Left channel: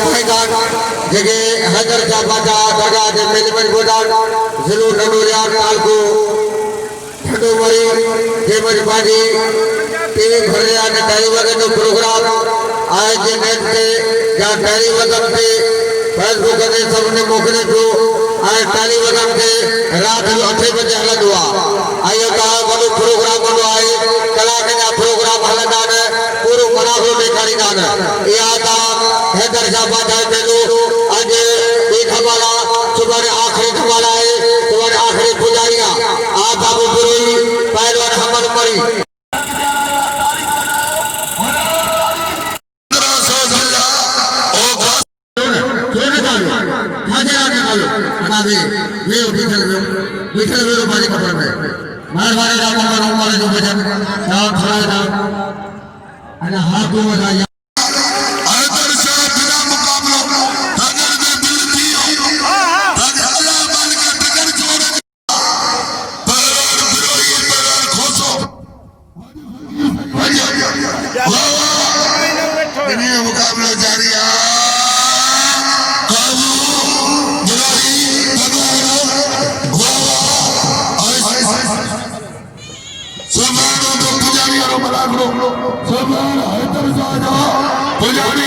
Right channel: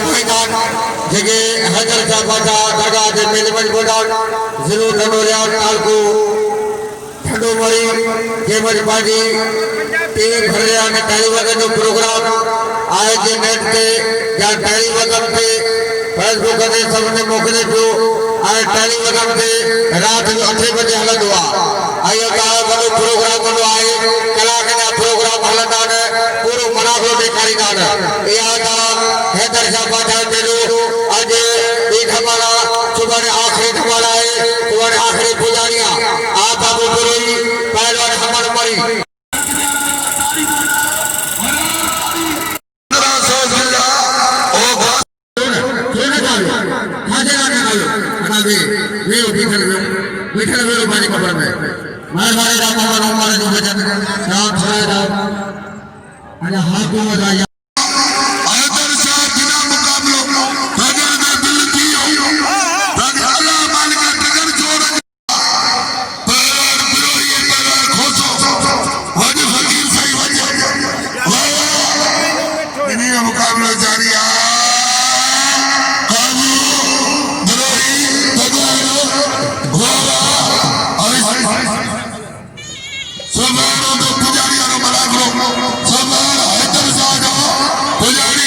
निभाईंदा जेके हैदर शाह बादशाह दरगाह के मेजबान बोडा ज़िलो नंदोलिया तालको ठंडोमरी जेमज बाजी टीवी भरिया ने टाइम वगन जो प्रोग्राम आए जे नेट ते या टाइम वगन ते फेसबुक ते सबने मोकले जो आए टाइम वगन ते रात 8 बजे हलंदो आ आयो का वडो प्रोग्राम कंदो आहे कलाक जा प्रोग्राम हलंदा ने पूरो मनाफो ॾेखारींदा ने इहा ता हैदर शाह बादशाह मेलो अज ई धमाला सुभाणे आखिरी धमाला है सुभाणे आखिरी पुजारियां आ बाबू बुरोई पहलवान हमर मरी मुकाबला जारी है पुजारी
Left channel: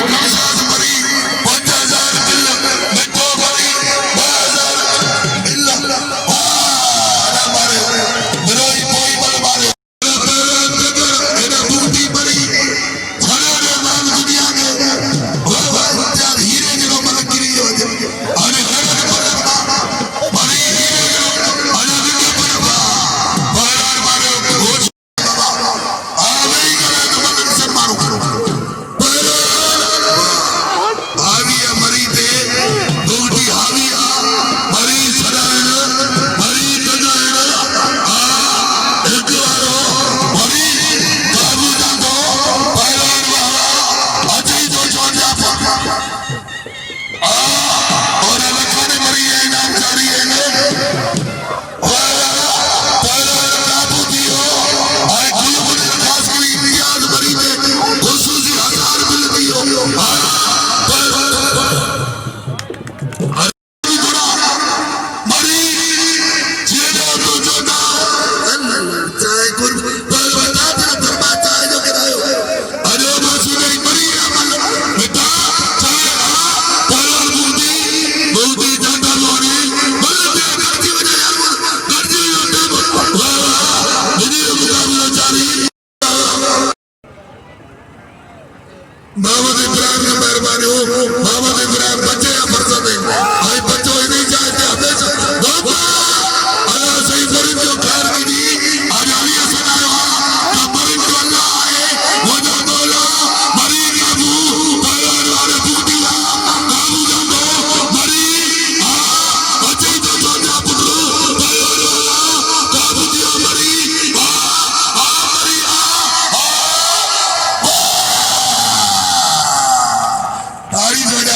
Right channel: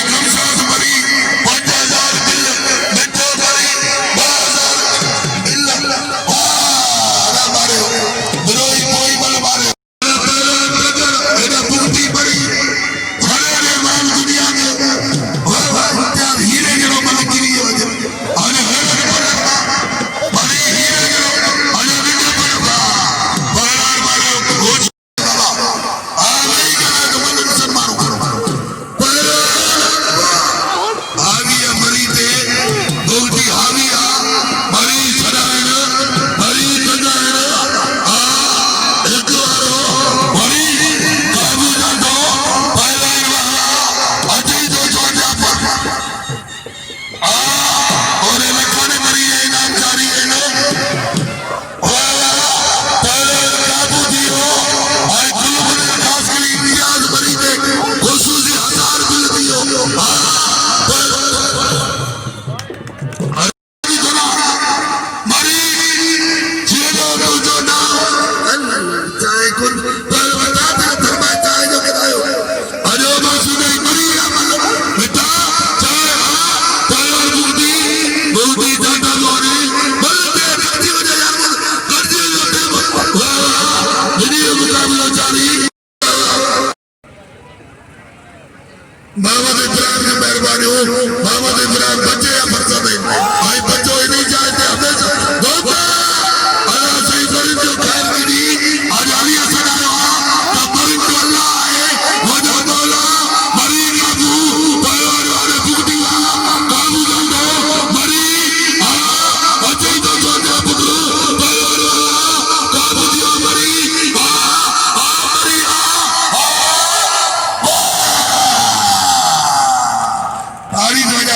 मोहम्मद इब्राहिम की मेहरबानी हो मोहम्मद इब्राहिम बच्चे या फरसत है भाई बच्चों ही नहीं चाहते हमेशा दोस्ता अल्लाह सही करें जो खैर की दी आज अली हसन आया तो बरिन तो अल्लाह है वजह मौला मरी काबू पहलवान वाले बुद्धिया काबू जंदो मरी बच्चे तो छोटे पुत्रो पहलवान वाला काबू दिया मरी तारीख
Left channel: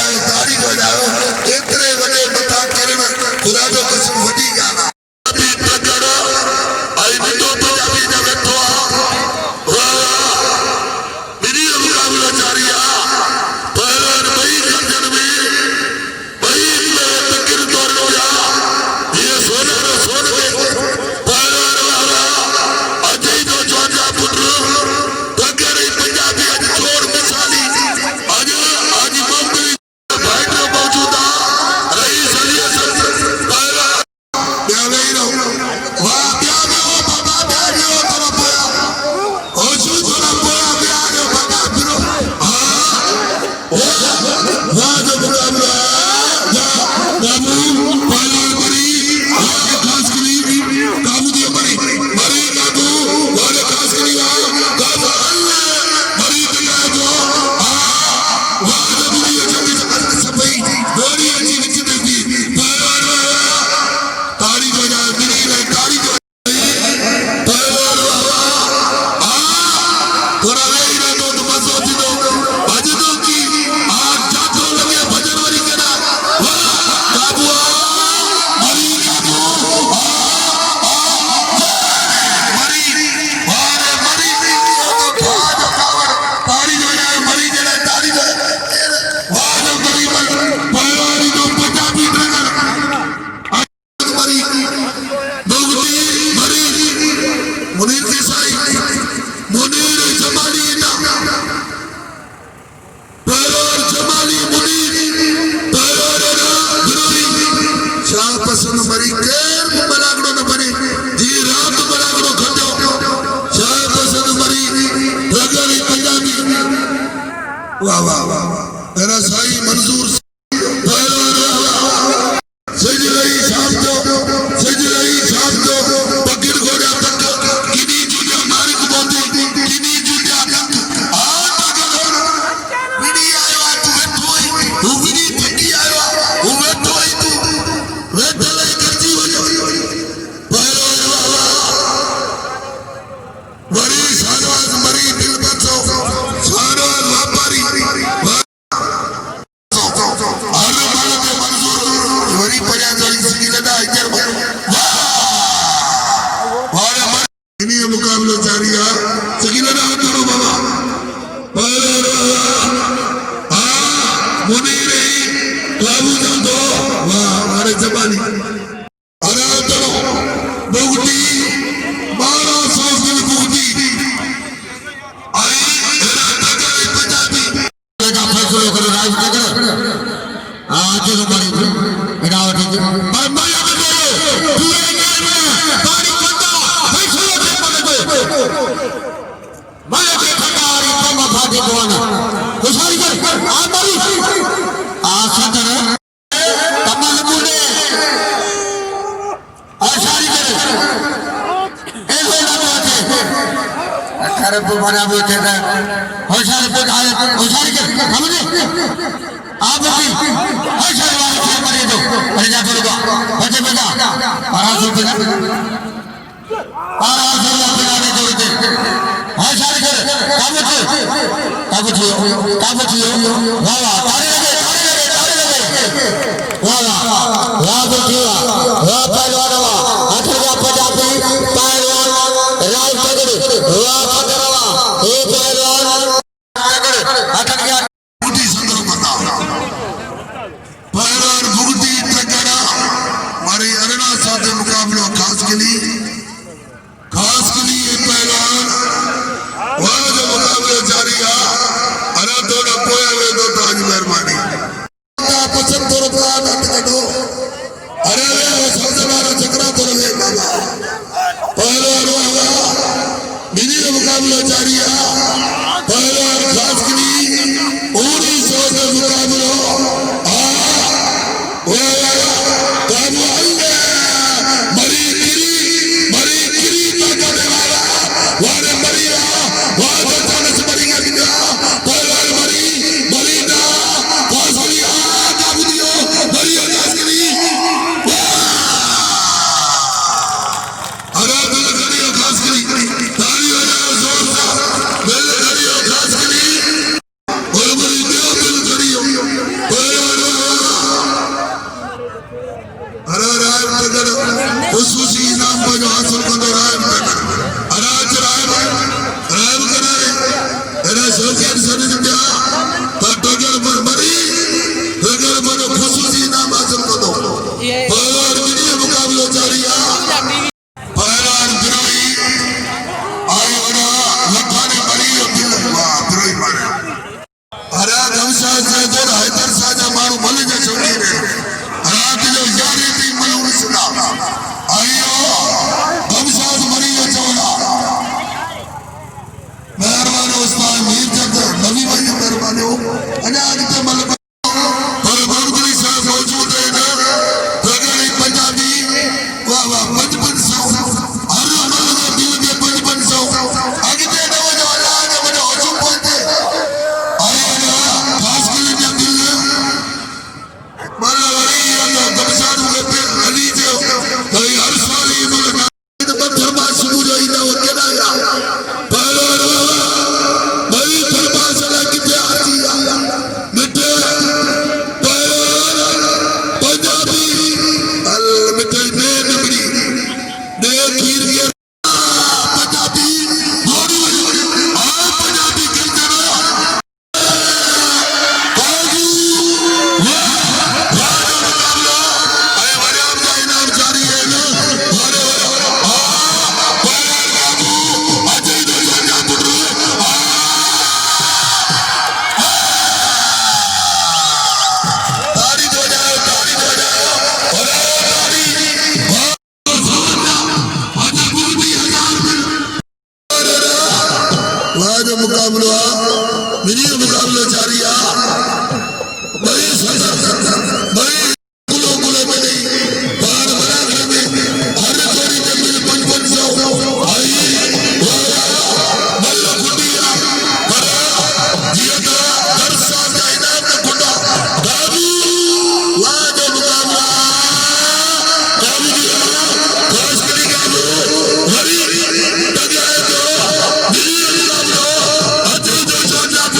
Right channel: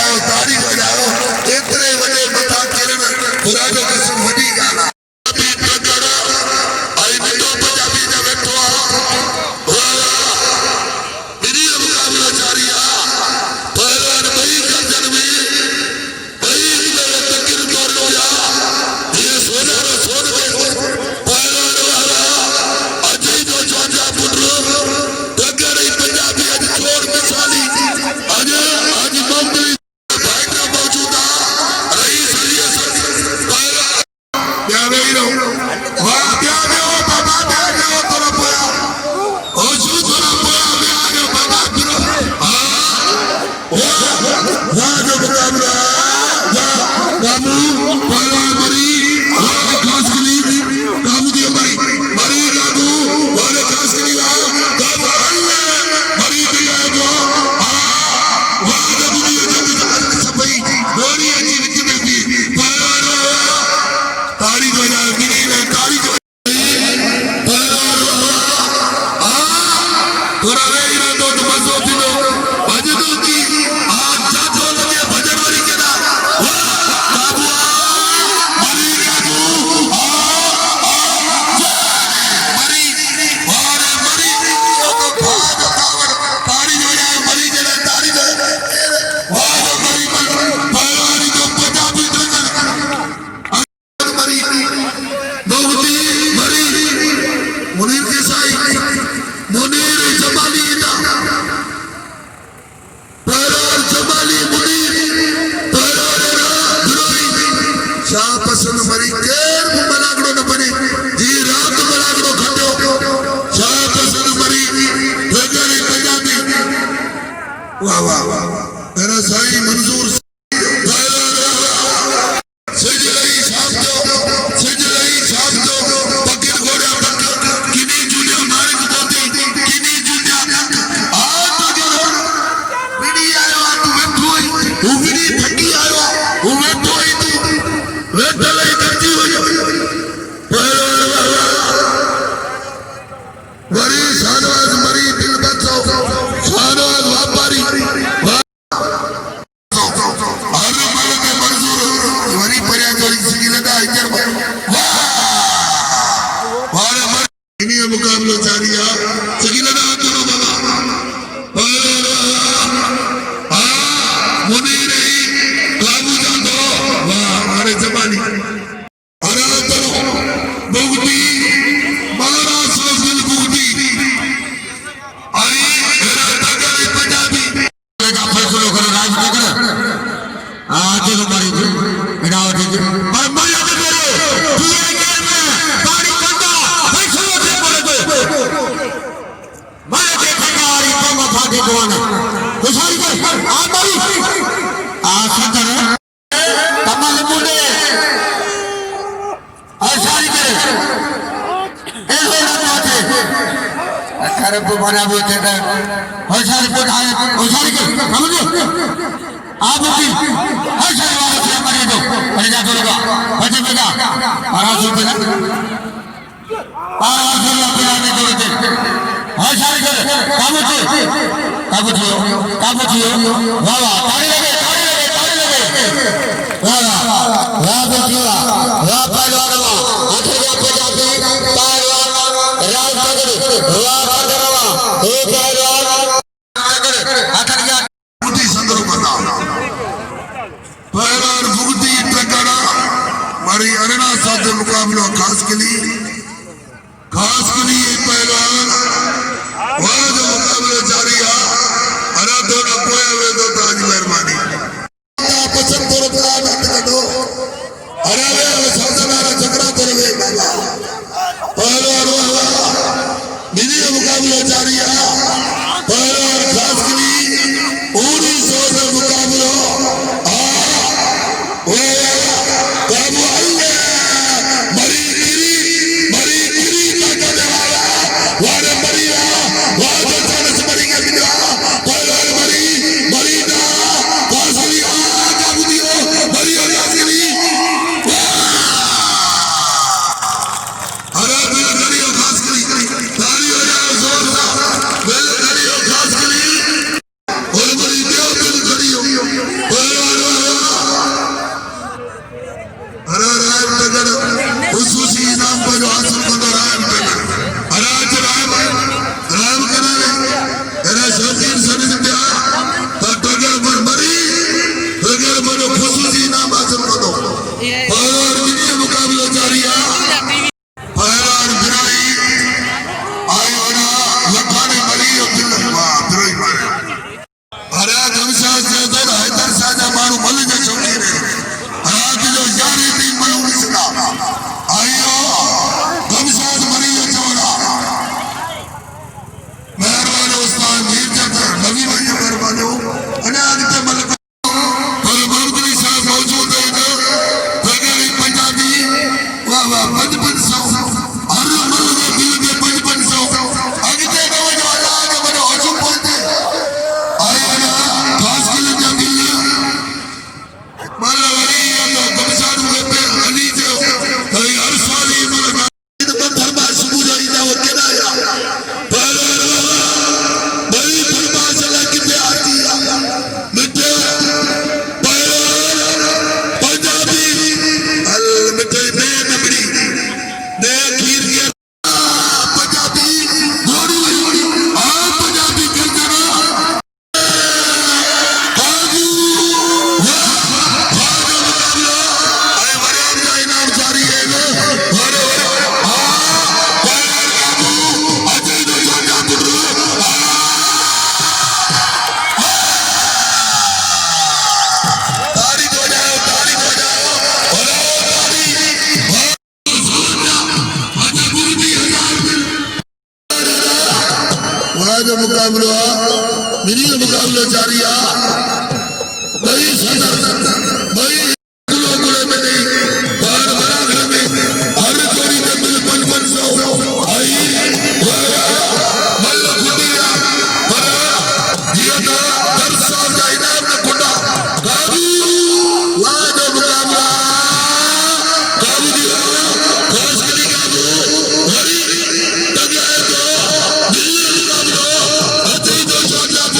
मुनीर जमाली पहलवान जमाली मुनीर पहलवान शाह पसंद मरी केर मलागड़ो न बने जी रात मलागड़ो खटो शाह पसंद मरी भगरी पंजाबी वाह वाह वाह मेरा साईं मंजूर सजलई शाम तो पकड़ घोड़ा पकड़ किनी जुलिया मार्ग बोती किनी जुलिया आ पकड़ विनी आयो तू वेठोई तू विनी थकी आयो तू वेठोई तू वेठलई करजी हो वरी शानवाज मरी दिल बचो शानवाज व्यापारी मुकाबलो जारी है सकीना करो बाबा मुनीर काबू दो वाह हमारे जमानी अरे करो बहुती 1200 बहुती का फैसलो करे राज करे आके को मारी थी एडाव थी भाई माया के दे पिए के पानी कंडा फैसलो के मारे दो माया के ठगारी को माथा के कोने खुशाली कर आ मारी आ सदर कमल मुंडे आशारी करे ऐसे ना बात है अरे तो बना बोलते हैं होशारी को आए होशारी कर समझो आप भी होशारी वाले से मरे दो पैदा करोगा बचे बेटा आराम से ना आराम से अपने दो दो होशारी कर काबू छियो वाह वाह ताली लगे वाह वाह बेटिया वाह पहलवान हाथों का पंजाबी पहलवान राज पगड़ी वाह हे पहलवान हाथों बुद्धि संदर्भ बता पहलवान बुद्धि टकरा मारी अरेना साथ मुकाबला खास के लिए पहलवान वहाँ जो मुकाबले जारी है अरे दोनों कोई हुए तो आज मेहरबानी पसंद तो रखा नंद कटो अरे सबसे मारा चक्रा तो रहे बाबा पहलवान वीडियो मुकाबला जारी है पहलवान खास के लिए 1900 में मुकाबला काबू मरी गिरी ताकत वारे मरिया वारे चांस मरिया किया पहलवान मरी ना कासली काबू दियो मरिया नासली अरे दिल करियो खास के लिए ताली बजाओ जोर से दिल करियो खास के लिए और मरी दियो दिल करियो पहलवान अरे राय नगर खुसूसी इनाम पर जो हासिल करता राय नगर राम करे अरे सोचिए सभी दिया पर टगर मरी टगर मनो खुसूसी इनाम हासिल कर दो पहलवान वीडियो मुकाबला जारी है पहलवान बिराई आयोना लखाने मरी दिल वाह बिराई मारे अरे गमसा से तो हैदर साजा मारू मल जो शौकीन है रात जो जारी थी मलून सिना आयो गमसा मरी जो चौड़ा मेहरबान उस्ताद मीर जफर नबी भाई मेहरबान हो अनाद के मल पर मर्दरी साहब मौजूद है इधर बगल पंजाबी वाह वाह 5500 हर मल के दिल के 5500 आगे दे दो जो आगे बढ़ो हुजूम बोलते आयो ना खास के लिए जंगल मलवरी तो गमसा के अली जो कोई अरसाली मल पत्थर बात सुबह जो इना वो केदा या बड़ी दरबार से किथे आती है मिठे पहलवान पंजाबी अल मिठे में नबड़ी जो मुकाबलो मिनी मुकाबलो जारी भाई भाई कुलो में नहीं बार बराबर में हर जोड़ी में मिल 5500 आई मल्ल कुटिया बरा ये तो वर्षा का इनाम में कुटा बाबू वाह जो मुकाबला काबू दिया खास करी काबू हरी तगड़ा जो मिनी मुकाबलो अजय जो सोचा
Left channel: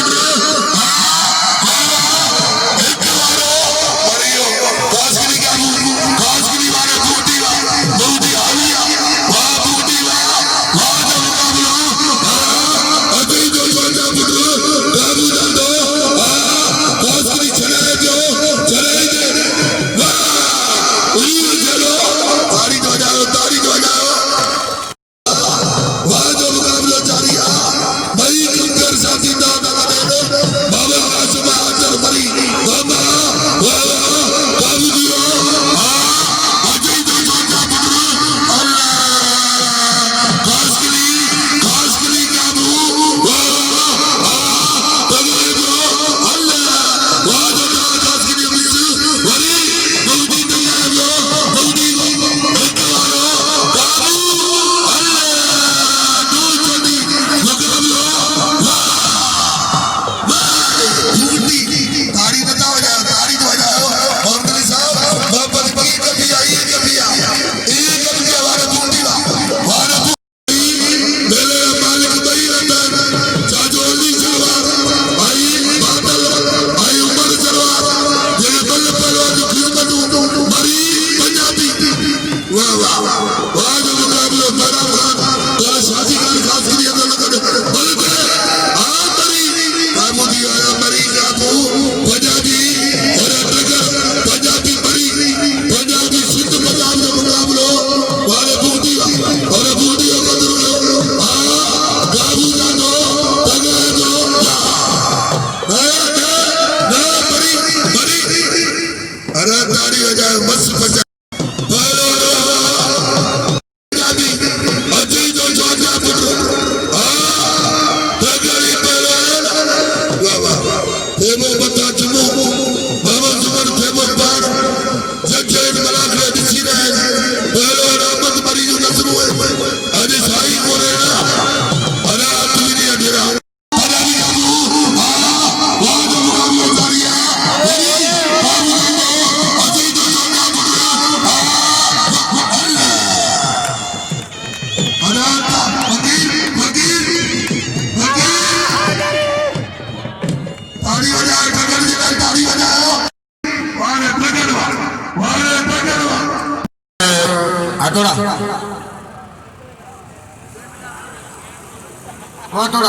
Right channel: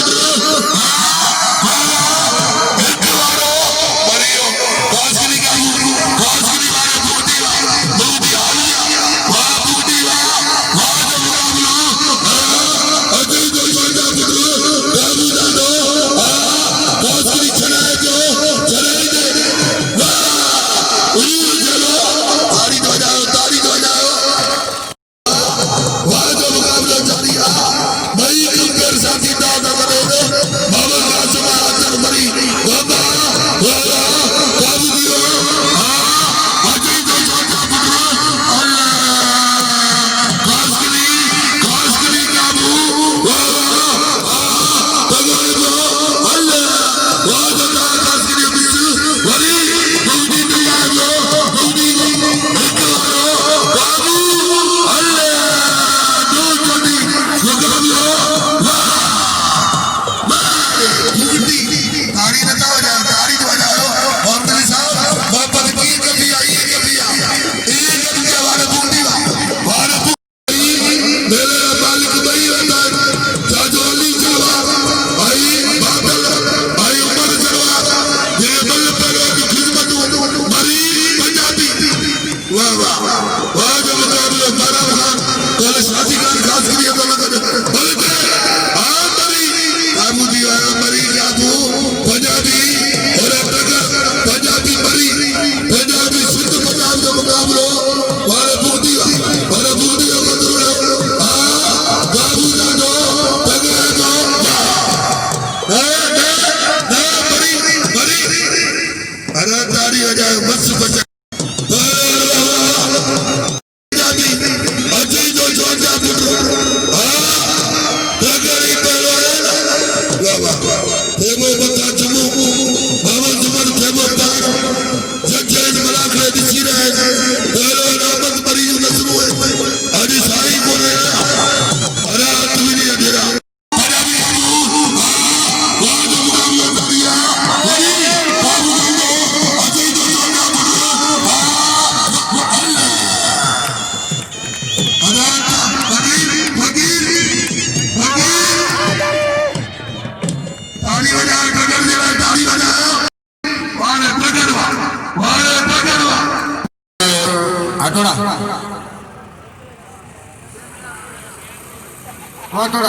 पुत्र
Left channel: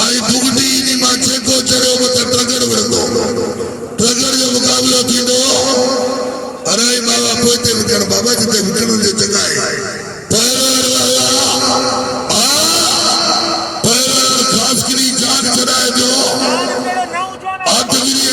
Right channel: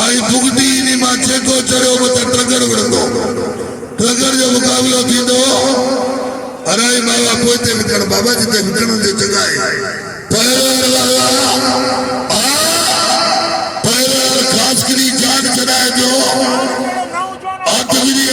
आई बुगडी नी माचे को चढ़ो मत ट्रगर वड़ो ट्रगर जो मुकाबलो थींदो अरे बाबा पोते विकण बाबा जिते विकण जो जगह है पैर खास करी जान चढ़ाए जो आतगिरी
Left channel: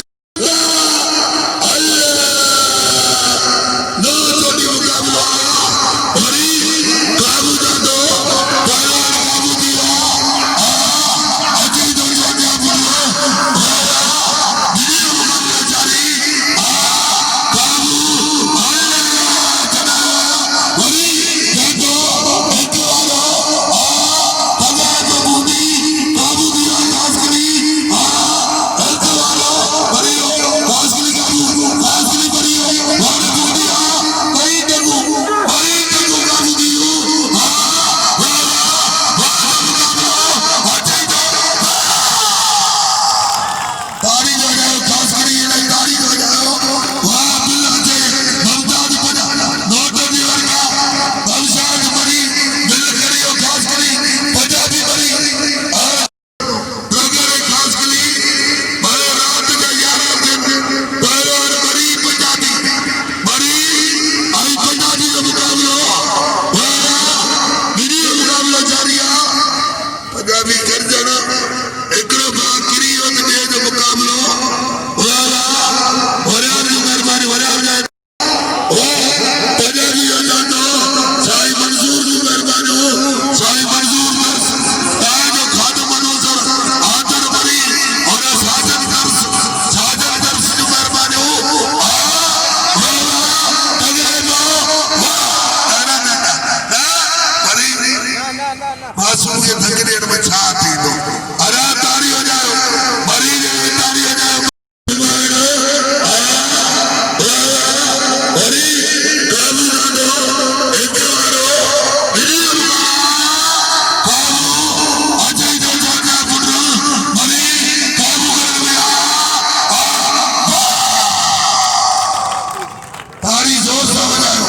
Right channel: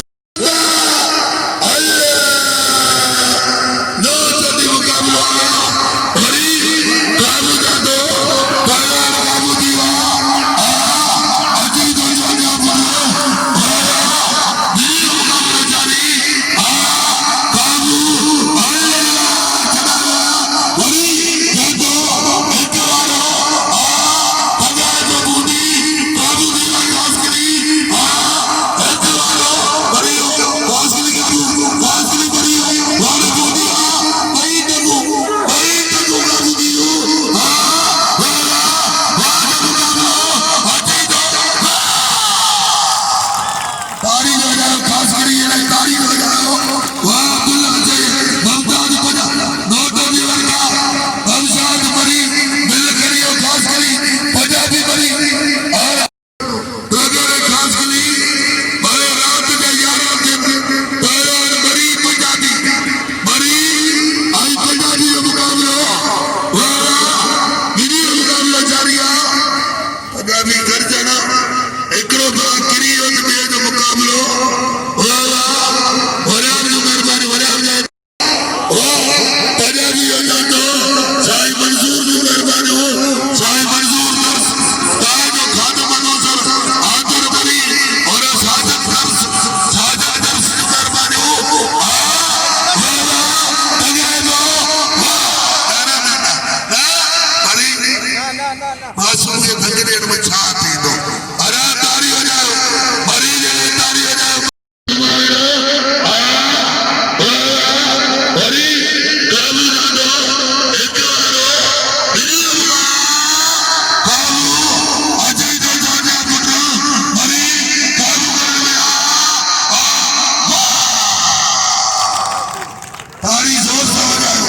ताड़ी जोर से बजाओ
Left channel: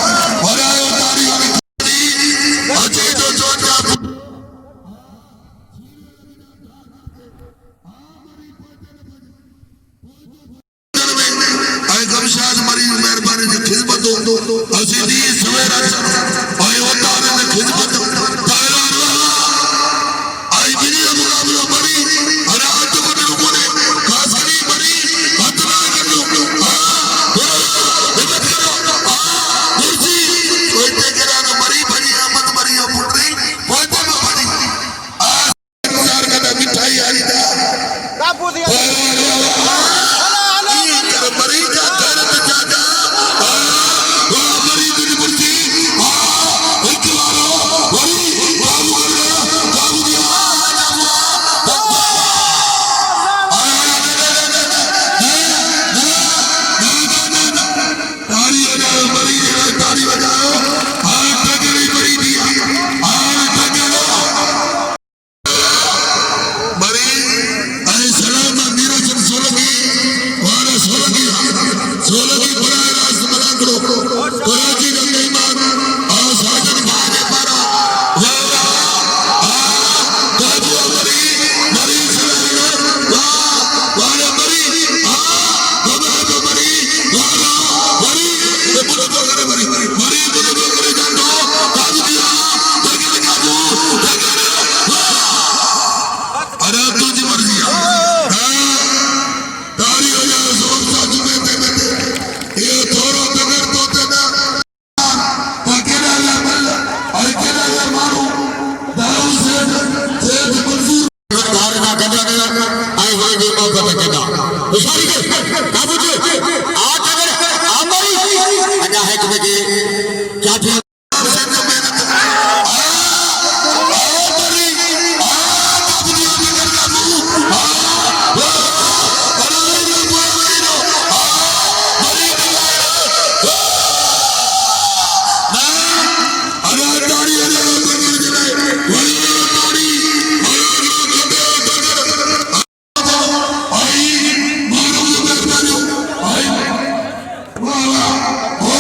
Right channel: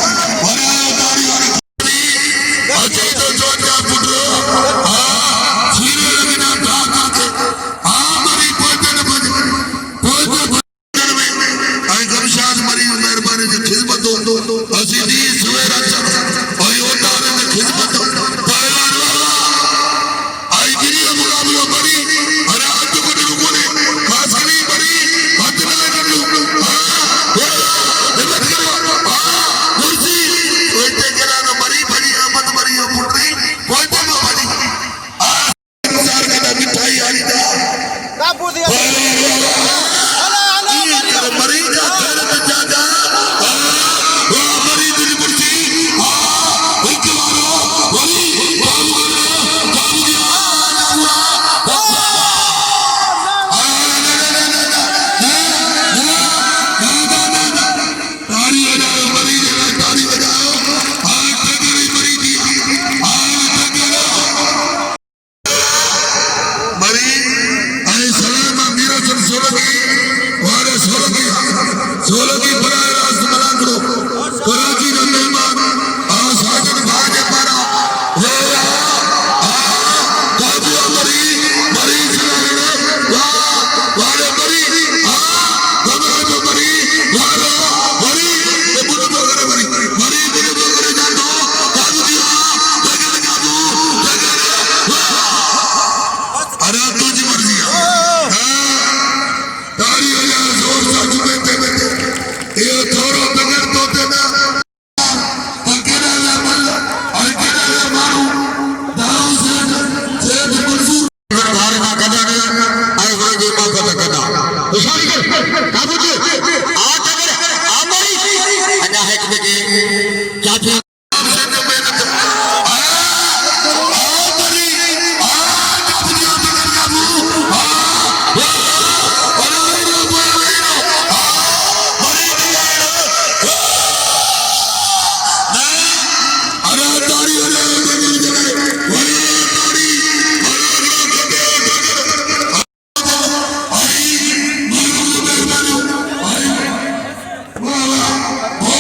अरे ताड़ी वाली अजय तो जोर का पुत्र सीने लगना था मरी पहुंचे न पहुंचे आई गमशाद मरी मेहरबानी से खिदमत दो अजी दी सवेरा आई उतारे ने खिदमत आई बिनी मुकाबला मरी अरे आज को ने खासरी मरी हाथ ना कर लो हिम्मत करो कुर्सी कोई करा न मरी भरी मत मरी ओ पुत्री पहुंचे न मरी हजार का मिठाई आई था कापू दिया मरी का गैरत जागा मरी दिल मुर्सी एक वली जादू दिया तारी बजाओ मरी तारी बजाओ आज तगड़ी मरी दिया आज तगड़ा मरी अरे सलाम मीरा सन सोलगी वाले सोलगी बनाए राष्ट्र बना करो कराची का मेहमान और साजिद भागे पारा हो रहा काजू मरी मरी चलाने वाले मरी घबरा मरी वाला मरी ये बुरे बगरे मरी मरी बुरे बगरे जानो काजू दिया तगड़े काजू तगड़े अरे तुझी मर्जी तारी बजाओ जोर साजू में ये थोड़ा बगैर तो देना अकेला ला मल्ला अकेला ला मारू दाऊ से मंजूर बाहर ना कदा ने आई गई भी मौत पे कदा उसारी कर बाबू जी आज अगर हमारी अदा है कि जाफिया से जो मेहनत Oh